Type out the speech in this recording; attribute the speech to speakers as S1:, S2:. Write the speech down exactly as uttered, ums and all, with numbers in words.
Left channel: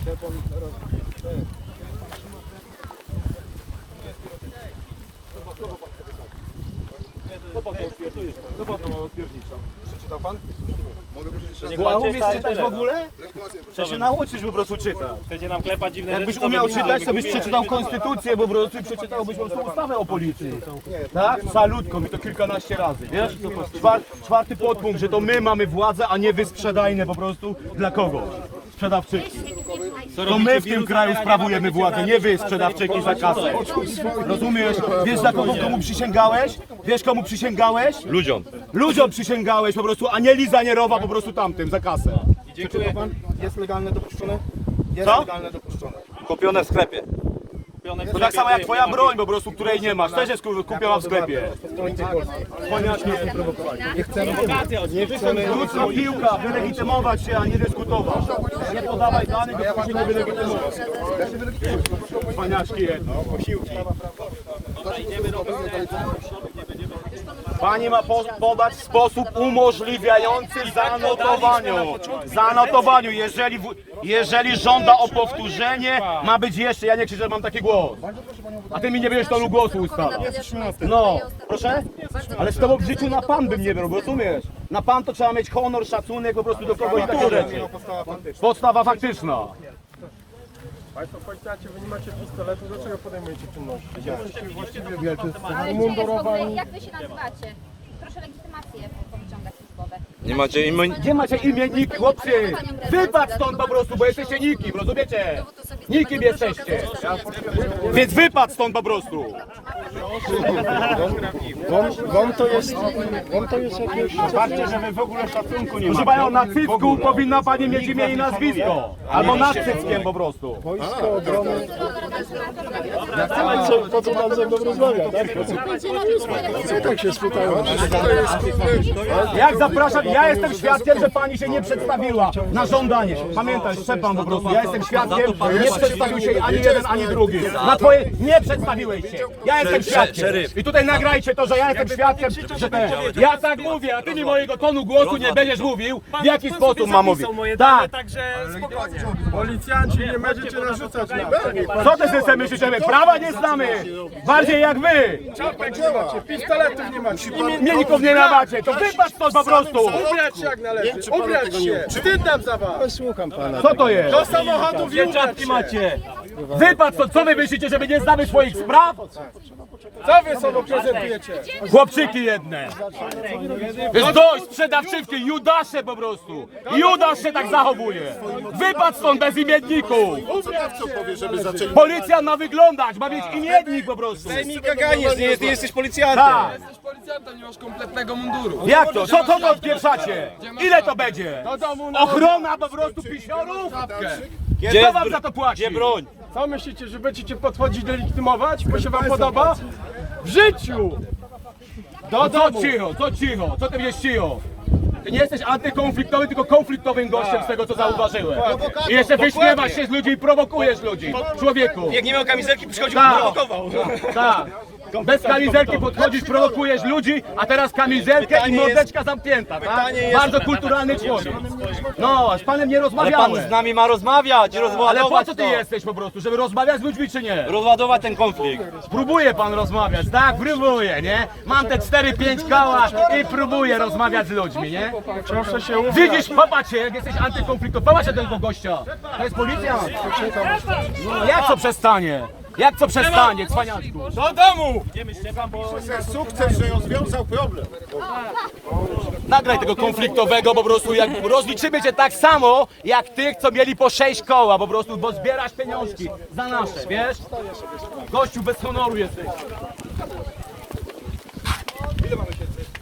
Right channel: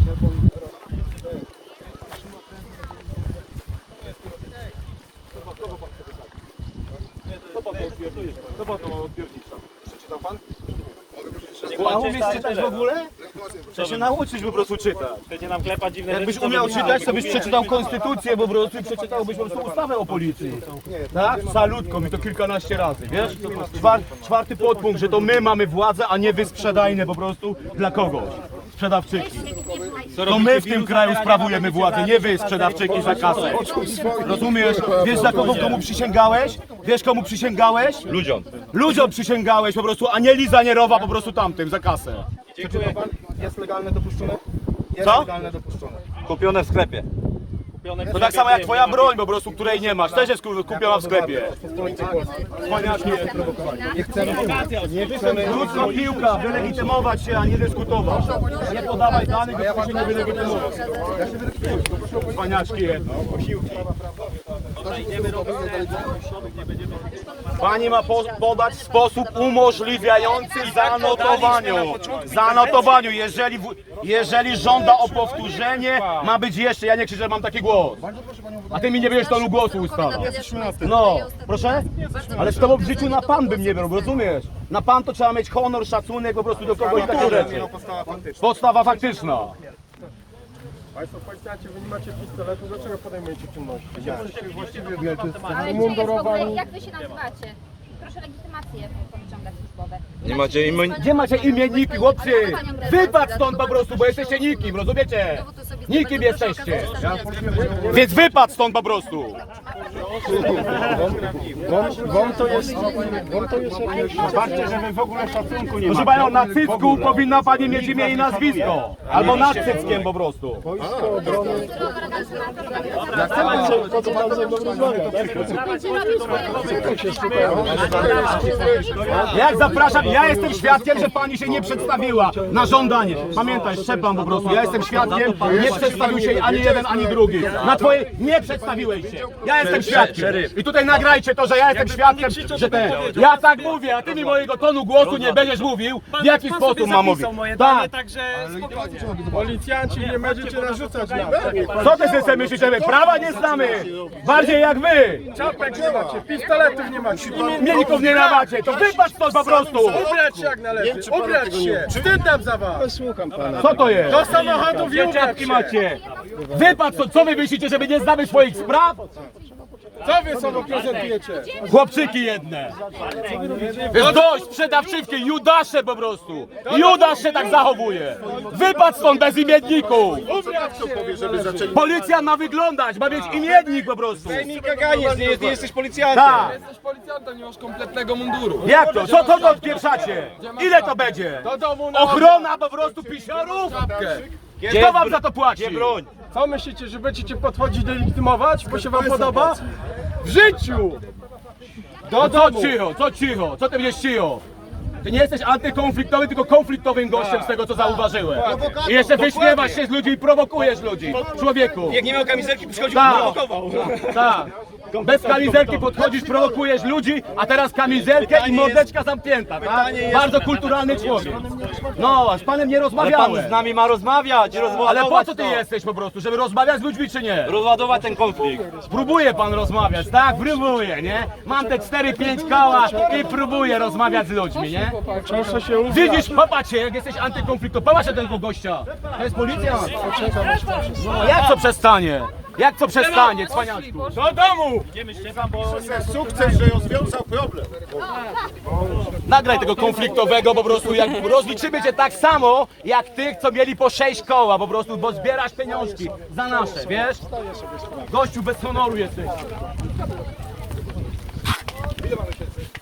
S1: Co pan to odpierdolisz? Co pan to ma odpierdzić? Przeczytał pan?
S2: A umiesz czytać w ogóle? Trzeba się nauczyć po prostu czytać.
S1: Chcecie nam klepać dziwne
S2: Jakbyś
S1: rzeczy,
S2: umiał
S1: to
S2: czytać, to byś przeczytał konstytucję po prostu i przeczytałbyś po prostu ustawę o policji. Tak? Salutką i to kilkanaście razy, wiesz? Czwar, czwarty podpunkt, że to my mamy władzę, a nie wy sprzedajne po prostu dla kogoś. Sprzedawczyki. To my w tym kraju sprawujemy władzę, nie wy sprzedawczyki za kasę. Rozumiesz? Wiesz za kogo komu przysięgałeś? Wiesz komu przysięgałeś?
S1: Ludziom.
S2: Ludziom przysięgałeś po prostu, a nie Liza Nierowa po prostu tamtym za kasę.
S1: Dziękuję.
S3: Pan jest legalne dopuszczone? Jest
S2: Co?
S3: legalne dopuszczone.
S1: Kupione w sklepie. Kupione w
S2: To tak samo jak twoja broń po prostu, której nie masz, też jest kupiona w sklepie.
S3: Nie chcemy, nie chcemy.
S2: Krótka piłka, wylegitymować się, a nie dyskutować. Nie podawaj danych, bo się nie wylegitymować. Paniaczki jedno. Pani ma po, podać w sposób umożliwiający zanotowaniu. Zanotowaniu, jeżeli, w- jeżeli żąda o powtórzenie, ma być jeszcze, ja nie krzyczę, mam taki głos. A ty mi nie będziesz tonu głosu ustawa. No, proszę? Ale z tobą w życiu na pan bym nie brał, rozumiesz? Na pan to trzeba mieć honor, szacunek po prostu do kogoś i takie rzeczy. Podstawa faktyczna.
S3: Państwo policjanci, wy nie macie pistoletu, dlaczego podejmujecie czynności? Jesteście właściwie
S4: Ale
S3: wielcy,
S4: czy jest w ogóle,
S3: umundurowani.
S4: jak wy się nazywacie? Proszę legitymację powyciągać służbowe.
S1: Nie macie imion...
S2: Gdzie macie imienniki, chłopcy? Wypad stąd po prostu, bo jesteście nikim, rozumiecie? Nikim jesteście. Więc wypad stąd po prostu.
S3: Wam, wam to jest, wam to jest jakieś...
S2: Zobaczcie, że wy w ogóle szacunku nie Proszę panią, na cycku powinna pani mieć imię i nazwisko. Albo nad cyckiem po prostu.
S3: Wojsko obrony... Ja chcę, to co pan ze mną rozmawia. Tak się spytałem.
S2: Jak zapraszam, ja jestem świadkiem, że pani się nie przedstawiła na żądanie. Pamiętaj, szczepam po prostu, ja jestem świadkiem, nie przedstawił się ani jeden, ani drugi. Na twoje, nie przedstawiłeś się. Ja jestem świadkiem. I tutaj nagrajcie to, że ja jestem świadkiem, że ten, ja tak mówię, a ty mi mojego tonu głosu nie będziesz mówił, w jaki sposób mam mówić. Tak.
S3: Policjanci, nie będziecie narzucać nam.
S2: Co ty sobie myślisz, że my prawa nie znamy? Bardziej jak wy.
S3: Czapek nie macie, pistoletów nie macie.
S2: Mielików nie namacie, to wypad stąd po prostu.
S3: Ubrać się jak należy, ubrać się. Wstyd nam za was. Słucham pana.
S2: Co to jest?
S3: Do samochodów i ubrać się.
S2: macie. Wypad stąd, co wy myślicie, że my nie znamy swoich spraw?
S3: Co wy sobą prezentujecie?
S2: Chłopczyki jedne. Jest dość, sprzedawczywki, Judasze po prostu. Judasz się tak zachowuje. Wypad stąd bez imienników. Policja ma wyglądać, ma mieć imiennik po prostu.
S1: Mi kaganiesz, nie, jest, nie jesteś policjantem.
S2: Tak.
S5: Jesteś policjantem, nie masz kompletnego munduru.
S2: Jak to? Co kogo odpieprzacie? Ile to będzie? Ochrona po prostu pisiorów? Kto wam za to płaci?
S1: Gdzie broń?
S3: Co myślicie, że będziecie podchodzić delegitymować, bo się wam podoba? W życiu! Do
S2: No co
S3: domu!
S2: cicho, co cicho, co ty będziesz cicho? Ty nie jesteś antykonfliktowy, tylko konfliktowym gościem z tego, co zauważyłem. I jeszcze wyśmiewasz się z ludzi i prowokujesz ludzi. Człowieku.
S1: Jak nie miał kamizelki, przychodził,
S2: Tak.
S1: prowokował.
S2: Tak. Bez kamizelki podchodzisz, prowokujesz ludzi, a teraz kamizelkę i mordeczka zamknięta, tak? Bardzo kulturalny człowiek. No, a z panem nie
S1: Pan
S2: rozmawiałem.
S1: z nami ma rozmawiać, rozładować
S2: Ale po co ty
S1: to.
S2: jesteś po prostu? Żeby rozmawiać z ludźmi czy nie?
S1: Rozładować ten konflikt.
S2: Próbuje pan rozmawiać, tak? Próbuje, nie? Mam te cztery pięć koła i próbuję rozmawiać z ludźmi, nie?
S3: Proszę się ubrać.
S2: Widzisz, popatrz się, jak jesteś antykonfliktowy, popatrz się tego gościa. To jest policja. No, jak co przestanie? Jak co przestanie, cwaniaczku? Do domu!
S3: Sukces, że rozwiązał problem.
S2: Nagraj tego konfliktowego po prostu, jak rozliczymy cię tak samo, jak tych, co mieli po sześć koła po prostu, bo zbierasz pieniążki za nasze, wiesz? Gościu, bez honoru jesteś.